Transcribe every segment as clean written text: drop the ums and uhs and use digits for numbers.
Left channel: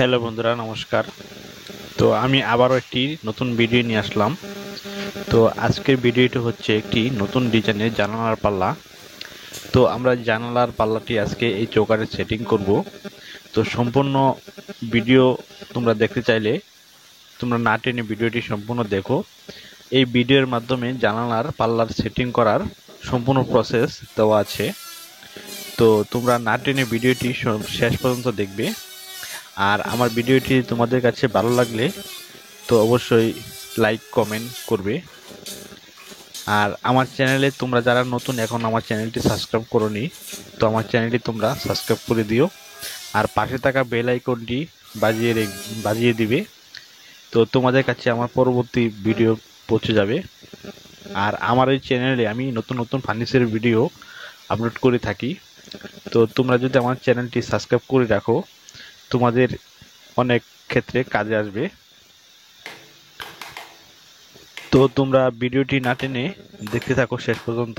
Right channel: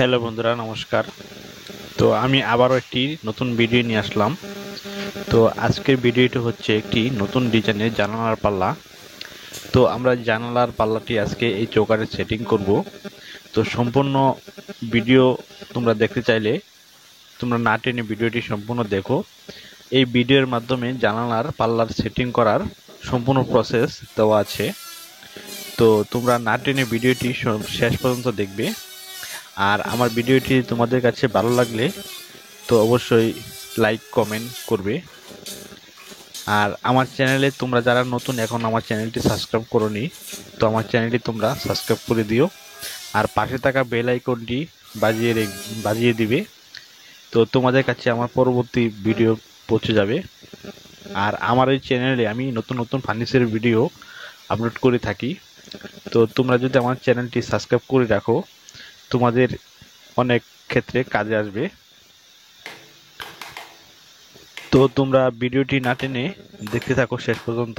Hello বন্ধুরা, নমস্কার। তো আমি আবারও একটি নতুন ভিডিও নিয়ে আসলাম। তো আজকের ভিডিওটি হচ্ছে একটি নতুন ডিজাইনের জানালার পাল্লা। তো আমরা জানালার পাল্লাটি আজকে এই চৌকাঠে সেটিং করব। তো সম্পূর্ণ ভিডিও তোমরা দেখতে চাইলে তোমরা না টেনে ভিডিওটি সম্পূর্ণ দেখো। এই ভিডিওর মাধ্যমে জানালার পাল্লার সেটিং করার সম্পূর্ণ প্রসেস দেওয়া আছে। তো তোমরা না টেনে ভিডিওটি শেষ পর্যন্ত দেখবে। আর আমার ভিডিওটি তোমাদের কাছে ভালো লাগলে তো অবশ্যই লাইক কমেন্ট করবে। আর আমার চ্যানেলে তোমরা যারা নতুন এখন আমার চ্যানেলটি সাবস্ক্রাইব করোনি, তো আমার চ্যানেলটি তোমরা সাবস্ক্রাইব করে দিও। আর পাশে থাকা বেল আইকনটি বাজিয়ে দিবে। তো তোমাদের কাছে আমার পরবর্তী ভিডিও পৌঁছে যাবে। আর আমার এই চ্যানেলে আমি নতুন নতুন ফার্নিচারের ভিডিও আপলোড করে থাকি। তো তোমরা যদি আমার চ্যানেলটি সাবস্ক্রাইব করে রাখো, তোমাদের অনেক ক্ষেত্রে কাজে আসবে। তো তোমরা ভিডিওটি না টেনে দেখতে থাকো শেষ পর্যন্ত।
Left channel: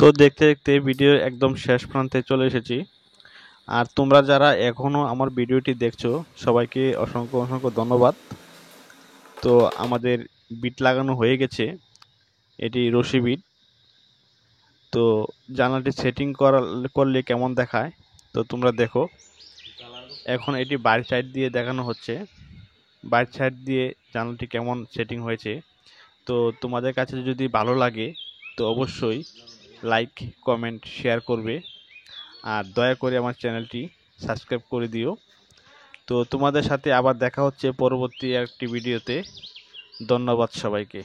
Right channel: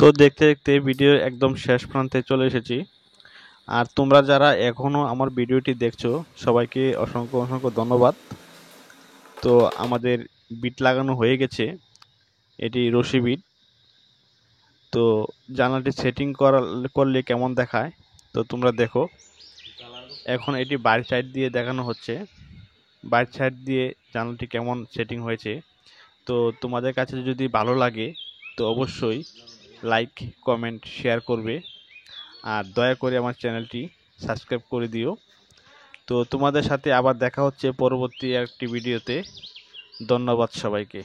তো দেখতে দেখতে ভিডিও একদম শেষ প্রান্তে চলে এসেছি। আর তোমরা যারা এখনো আমার ভিডিওটি দেখছো, সবাইকে অসংখ্য অসংখ্য ধন্যবাদ। তো আমাদের বিট লাগানো হয়ে গেছে, এটি রশি বিট। তো জানালাটি সেটিং করলে কেমন দেখায় তো তোমরা দেখো। এখন এটি বাইরের সাইড দিয়ে দেখানো হচ্ছে, বাইরের সাইড দিয়ে জানালাটি কেমন সেটিং হয়েছে। তো তোমাদের কাছে যদি ভালো লাগে তো অবশ্যই লাইক কমেন্ট শেয়ার করবে। আর দয়া করে আমার চ্যানেলটি সাবস্ক্রাইব করে দিও। তো তোমাদের সাথে আবার দেখা হচ্ছে পরবর্তী একটি ভিডিওতে। ধন্যবাদ সবাইকে।